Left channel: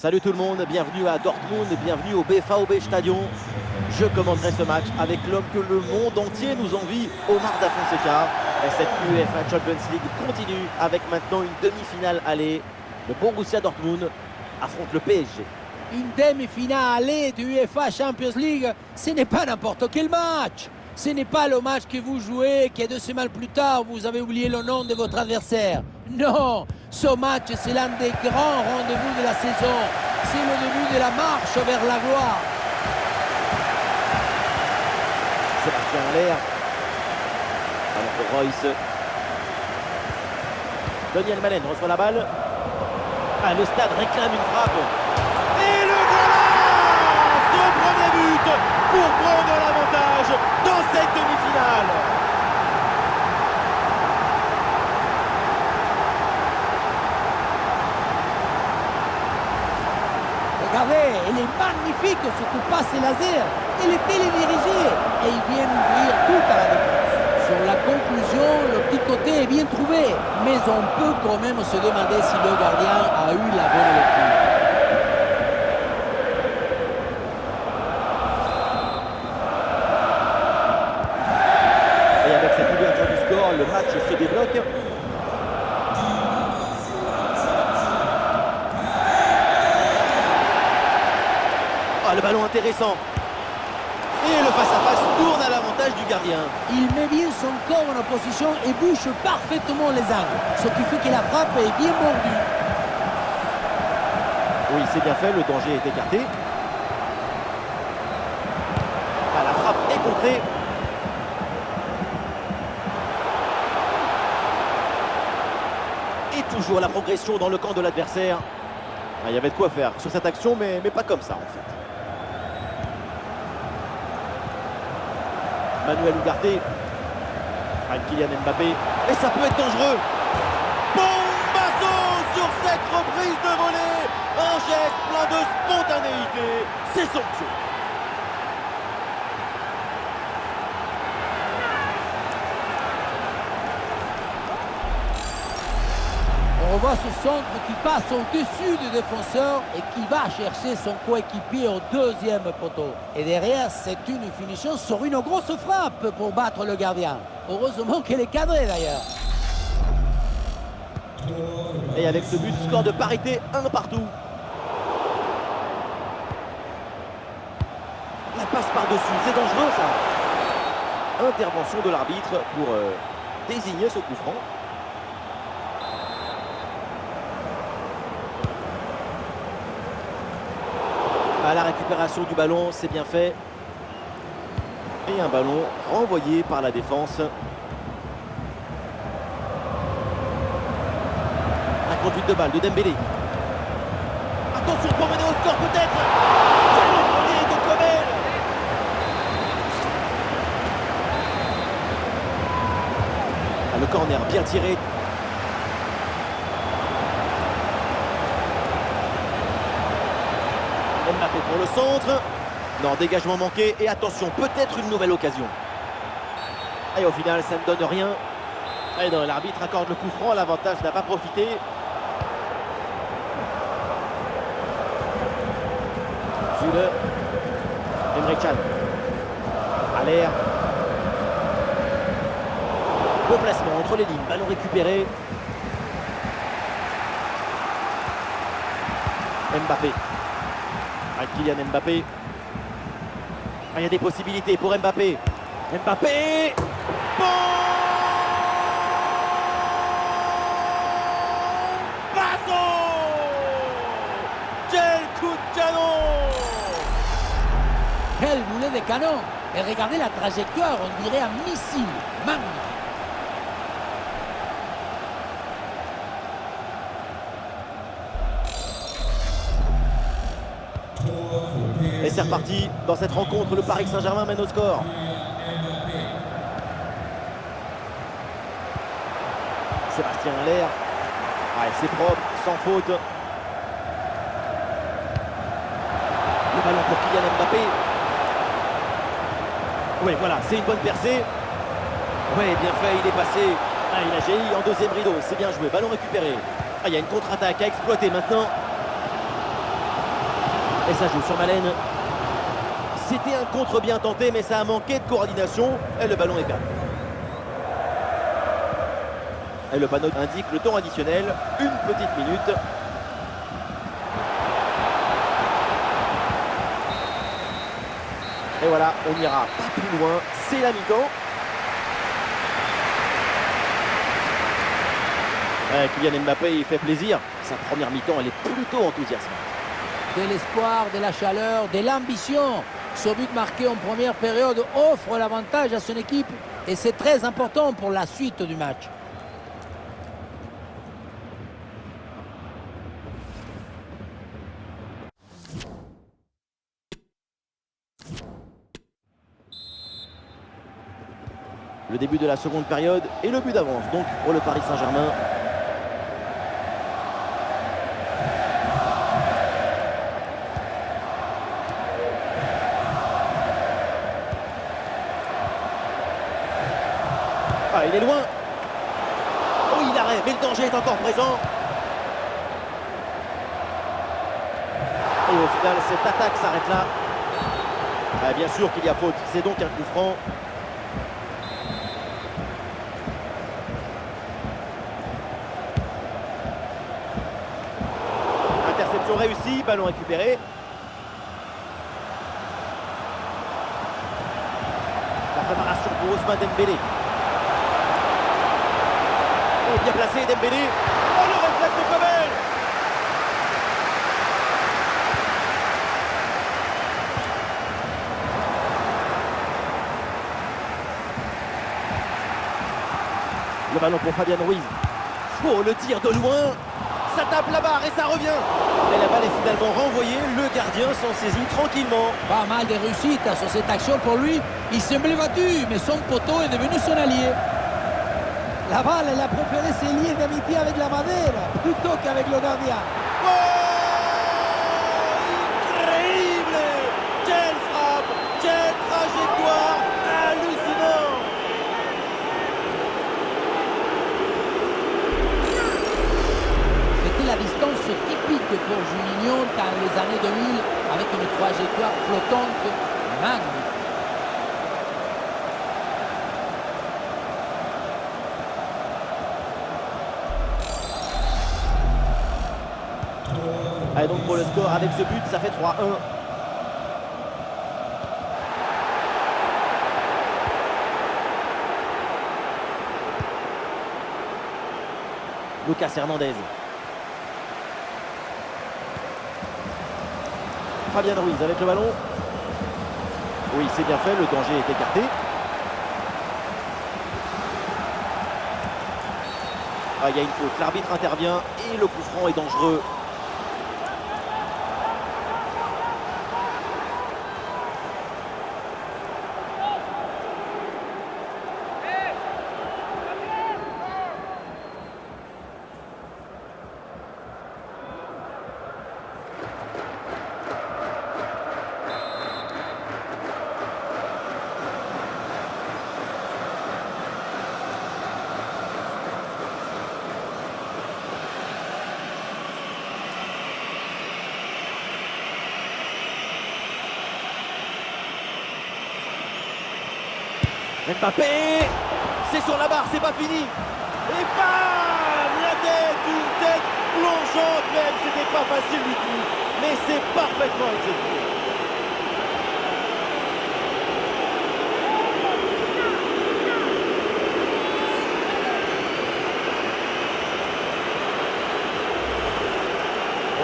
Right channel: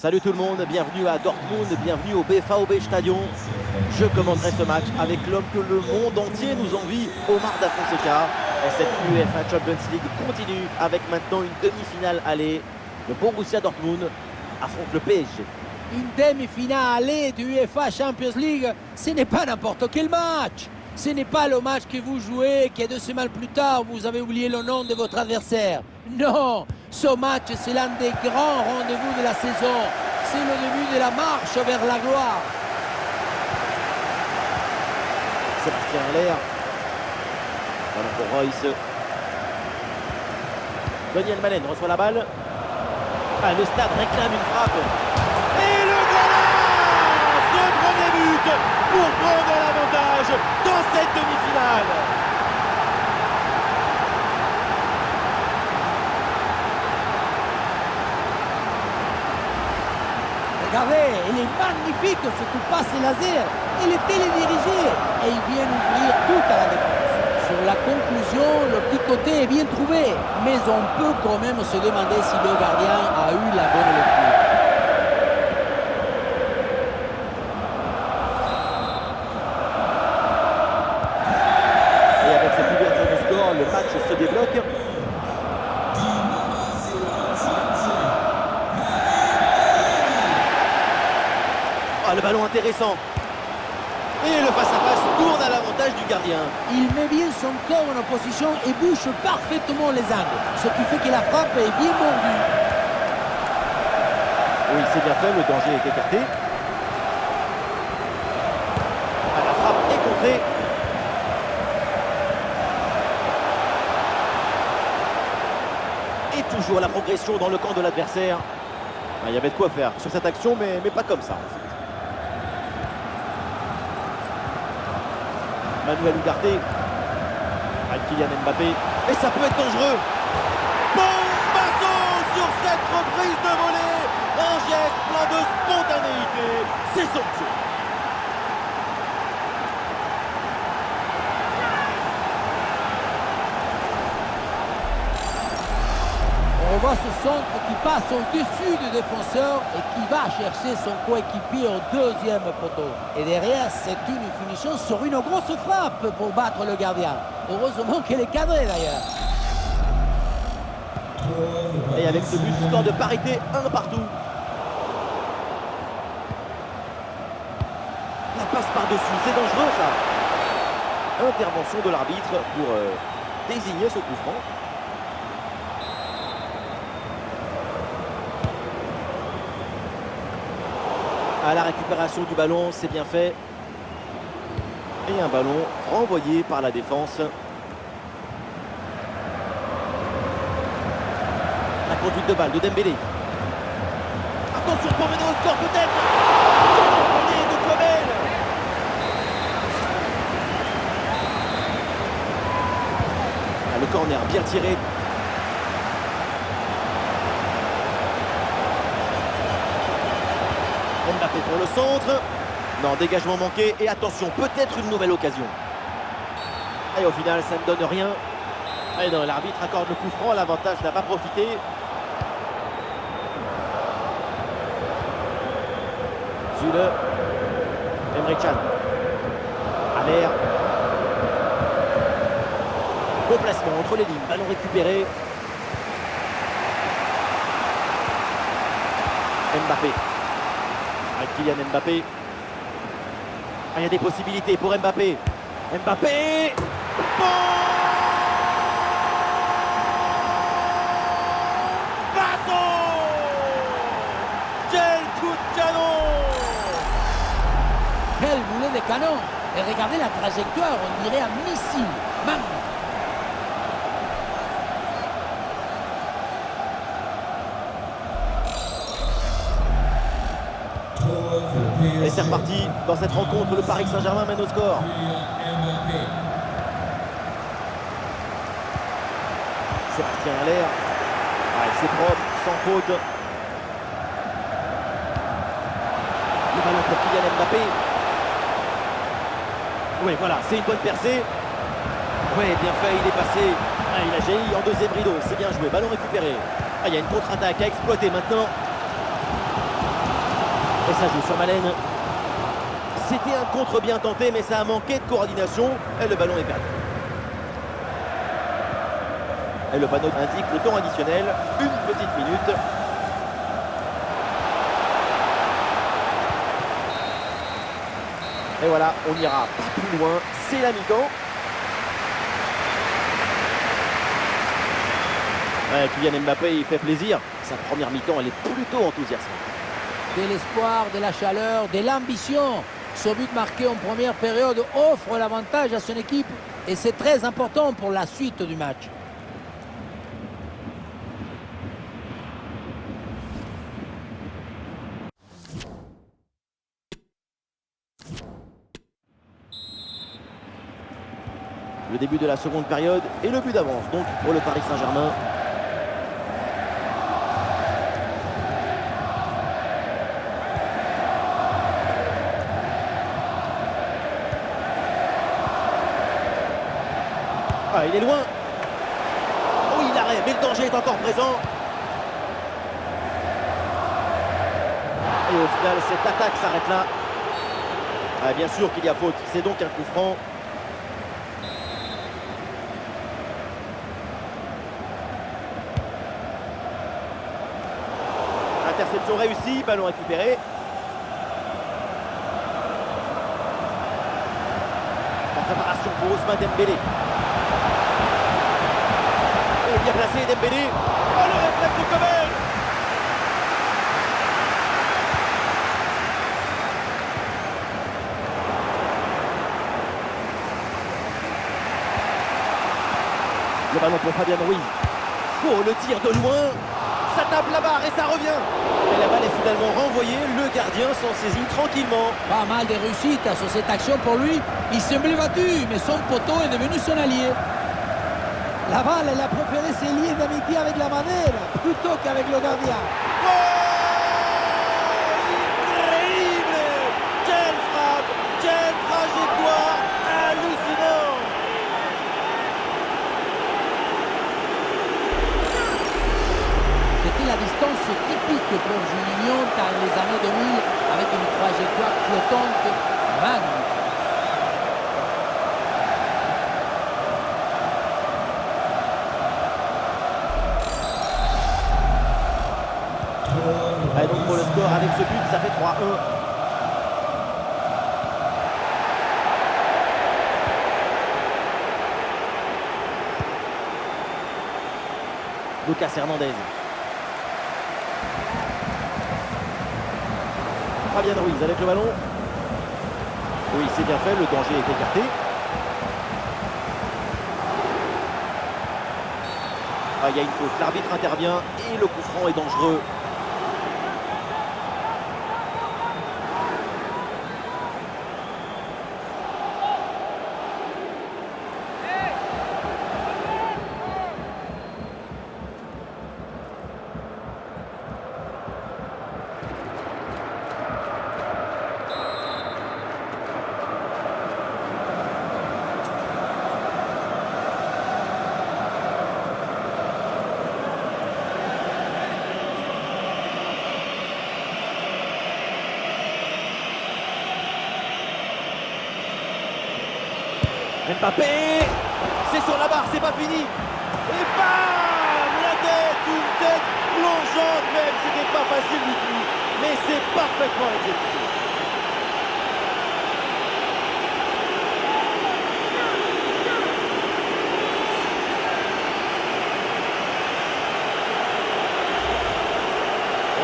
Salut tout le monde, bienvenue à Dortmund, bienvenue au BVB Stadion. Je commenterai ce match avec l'homme que le monde entier nous envie, Omar Da Fonseca. Et cette UEFA Champions League continue avec maintenant une demi-finale aller. Le Borussia Dortmund affronte le PSG. Une demi-finale aller de UEFA Champions League, ce n'est pas n'importe quel match. Ce n'est pas le match que vous jouez, que 2 semaines plus tard, vous avez oublié le nom de votre adversaire. Non, ce match, c'est l'un des grands rendez-vous de la saison. C'est le début de la marche vers la gloire. Sébastien Haller. Ballon pour Royce. Daniel Malen reçoit la balle. Ah, le stade réclame une frappe. Et le voilà! Ce premier but pour prendre l'avantage dans cette demi-finale. Regardez, elle est magnifique, surtout passe laser. Elle est télédirigée et il vient ouvrir tout à la défense. Sur la conclusion, le petit côté est bien trouvé, mais on peut quand même se demander si le gardien a eu la bonne lecture. Et avec cette ouverture du score, le match se débloque. Ah, le ballon intéressant. Et le face-à-face tourne à l'avantage du gardien. Il met bien son corps en opposition et bouche parfaitement les angles, ce qui fait que la frappe est bien mordue. Oui, c'est bien fait, le danger est écarté. Ah, la frappe est contrée. Et toujours la progression dans le camp de l'adversaire. Ah, il y avait de quoi faire sur cette action, mais pas comme ça en fait. Manuel Ugarte. Avec Kylian Mbappé. Et ça peut être dangereux. Bombasso sur cette reprise de volée. Un geste plein de spontanéité. C'est somptueux. On voit ce centre qui passe au-dessus du défenseur et qui va chercher son coéquipier au deuxième poteau. Et derrière, c'est une finition sur une grosse frappe pour battre le gardien. Heureusement qu'elle est cadrée d'ailleurs. Et avec ce but, score de parité, 1 partout. La passe par-dessus, c'est dangereux ça. Intervention de l'arbitre pour désigner ce coup franc. À la récupération du ballon, c'est bien fait. Et un ballon renvoyé par la défense. La conduite de balle de Dembélé. Attention pour mener au score peut-être. Quel envolé de Kobel. Ah, le corner bien tiré. Mbappé pour le centre. Non, dégagement manqué. Et attention, peut-être une nouvelle occasion. Et au final, ça ne donne rien. Et non, l'arbitre accorde le coup franc. L'avantage n'a pas profité. Zule. Emre Can. Haller. Beau placement entre les lignes. Ballon récupéré. Mbappé. Avec Kylian Mbappé. Ah, il y a des possibilités pour Mbappé. Mbappé. Bon bateau. Quel coup de canon. Quel boulet de canon! Et regardez la trajectoire, on dirait un missile. Magnifique! Et c'est reparti dans cette rencontre, le Paris Saint-Germain mène au score. Sébastien Haller. Ah, c'est propre, sans faute. Le ballon pour Kylian Mbappé. Oui, voilà, c'est une bonne percée. Oui, bien fait, il est passé. Ah, il a jailli en deuxième rideau, c'est bien joué, ballon récupéré. Ah, il y a une contre-attaque à exploiter maintenant. Et ça joue sur Malen. C'était un contre bien tenté, mais ça a manqué de coordination. Et le ballon est perdu. Et le panneau indique le temps additionnel. Une petite minute. Et voilà, on n'ira pas plus loin. C'est la mi-temps. Ouais, Kylian Mbappé, il fait plaisir. Sa première mi-temps, elle est plutôt enthousiasmante. De l'espoir, de la chaleur, de l'ambition. Ce but marqué en première période offre l'avantage à son équipe et c'est très important pour la suite du match. Le début de la seconde période et le but d'avance donc pour le Paris Saint-Germain. Ah, il est loin. Oh, il arrête, mais le danger est encore présent. Et au final, cette attaque s'arrête là. Ah, bien sûr qu'il y a faute, c'est donc un coup franc. Interception réussie, ballon récupéré. La préparation pour Ousmane Dembélé. Et bien placé Dembélé. Oh, le réflexe de Kobel. Le ballon pour Fabian Ruiz. Oh, le tir de loin. Ça tape la barre et ça revient. Mais la balle est finalement renvoyée. Le gardien s'en saisit tranquillement. Pas mal de réussite sur cette action pour lui. Il semblait battu, mais son poteau est devenu son allié. La balle, elle a préféré ses liens d'amitié avec la Madère plutôt qu'avec le gardien. Oh, incroyable! Quelle frappe! Quelle trajectoire! Hallucinant! C'était la distance typique pour Juninho dans les années 2000 avec une trajectoire flottante magnifique. Allez, donc pour le score, avec ce but, ça fait 3-1. Lucas Hernandez. Fabian Ruiz avec le ballon. Oui, c'est bien fait, le danger est écarté. Ah, il y a une faute, l'arbitre intervient et le coup franc est dangereux. Mbappé, c'est sur la barre, c'est pas fini. Et bam, la tête, une tête plongeante même, c'était pas facile du tout. Mais c'est parfaitement exécuté.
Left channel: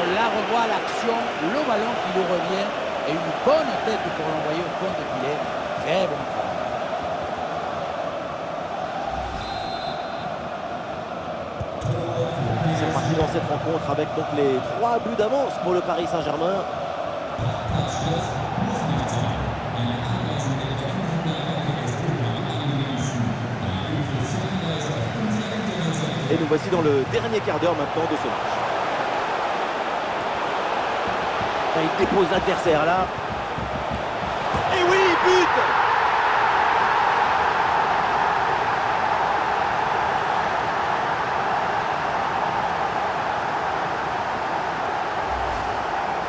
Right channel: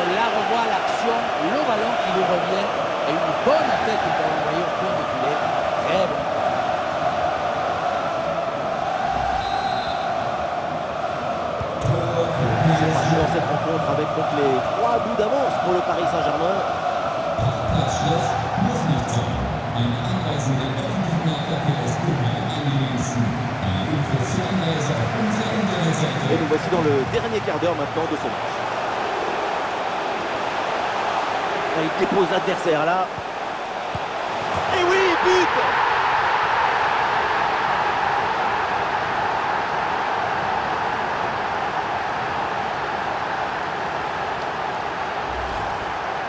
On la revoit l'action, le ballon qui lui revient et une bonne tête pour l'envoyer au fond du filet. Très bon travail. C'est parti dans cette rencontre avec donc les 3 buts d'avance pour le Paris Saint-Germain. Et nous voici dans le dernier quart d'heure maintenant de ce match. Là, il dépose l'adversaire là. Et oui, but!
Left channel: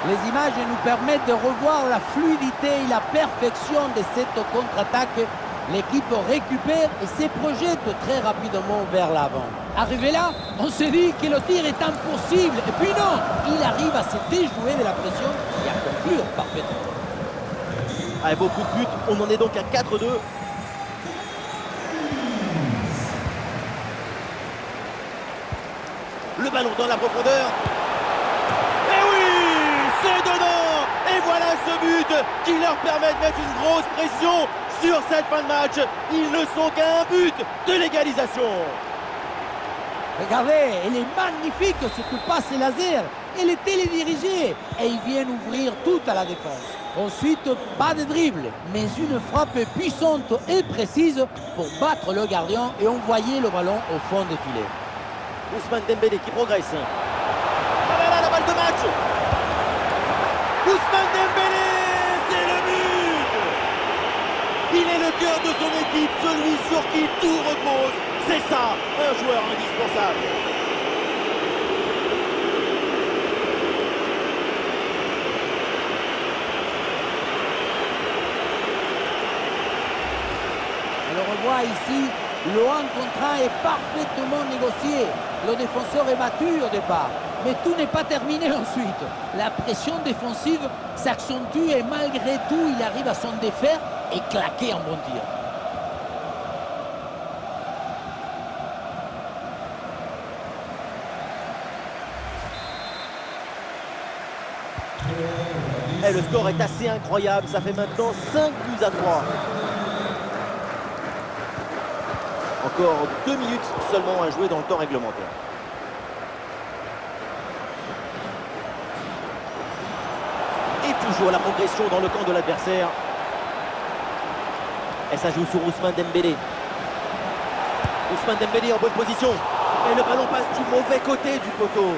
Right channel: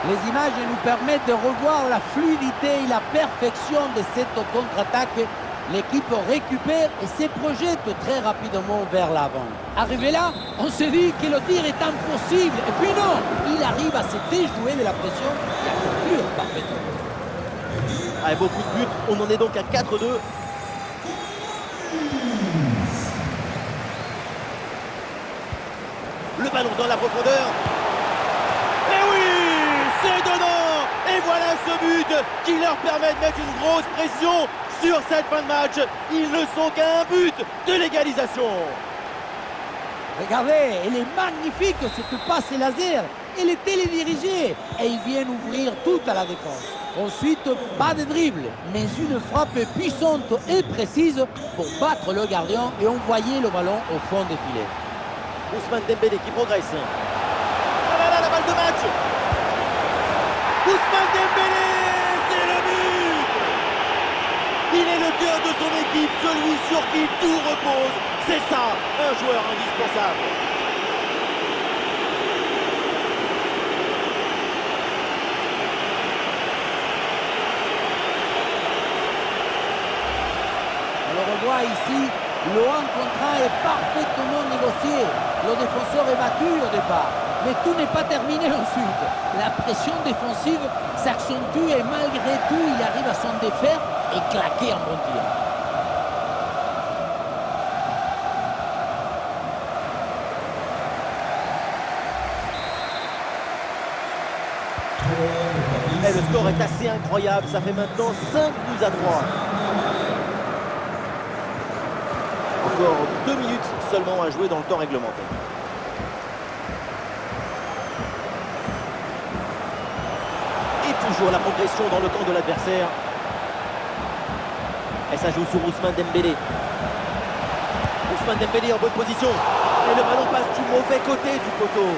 Les images nous permettent de revoir la fluidité et la perfection de cette contre-attaque. L'équipe récupère et se projette très rapidement vers l'avant. Arrivé là, on se dit que le tir est impossible. Et puis non, il arrive à se déjouer de la pression et à conclure parfaitement. Avec beaucoup de buts, on en est donc à 4-2. Le ballon dans la profondeur. Et oui, c'est dedans. Et voilà ce but qui leur permet de mettre une grosse pression sur cette fin de match. Ils ne sont qu'à un but de l'égalisation. Regardez, elle est magnifique cette passe laser. Elle est télédirigée et ils viennent ouvrir tout à la défense. Ensuite, pas de dribble, mais une frappe puissante et précise pour battre le gardien et envoyer le ballon au fond des filets. Ousmane Dembélé qui progresse. Ah là là, la balle de match. Ousmane Dembélé, c'est le but. Il est le cœur de son équipe, celui sur qui tout repose. C'est ça, un joueur indispensable. On le revoit ici, le 1 contre 1 est parfaitement négocié. Le défenseur est battu au départ. Mais tout n'est pas terminé ensuite. La pression défensive s'accentue et malgré tout, il arrive à s'en défaire et claquer un bon tir. Et le score est assez incroyable, ça fait maintenant 5 buts à 3. Encore 2 minutes seulement à jouer dans le temps réglementaire. Et toujours la progression dans le camp de l'adversaire. Et ça joue sur Ousmane Dembélé. Ousmane Dembélé en bonne position. Et le ballon passe du mauvais côté du poteau.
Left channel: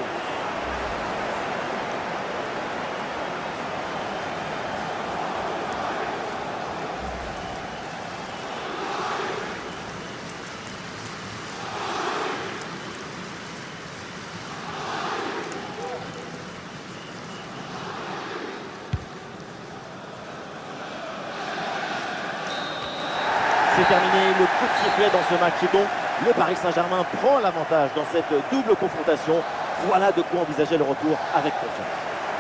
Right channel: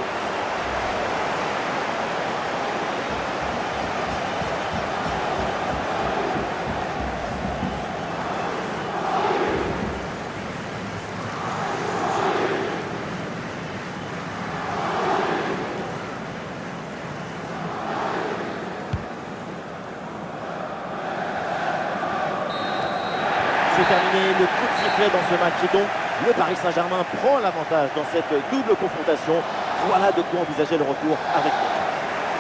C'est terminé, le coup de sifflet dans ce match et donc le Paris Saint-Germain prend l'avantage dans cette double confrontation. Voilà de quoi envisager le retour avec confiance.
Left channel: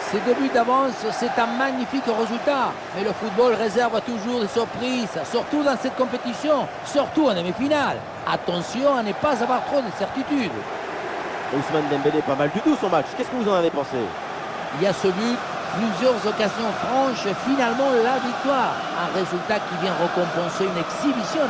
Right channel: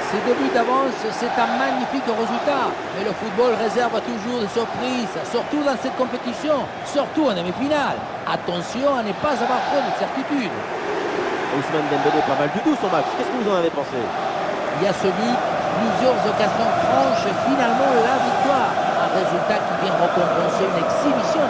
Ces 2 buts d'avance, c'est un magnifique résultat. Mais le football réserve toujours des surprises, surtout dans cette compétition, surtout en demi-finale. Attention à ne pas avoir trop de certitudes. Ousmane Dembélé, pas mal du tout son match. Qu'est-ce que vous en avez pensé? Il y a ce but, plusieurs occasions franches et finalement la victoire. Un résultat qui vient récompenser une exhibition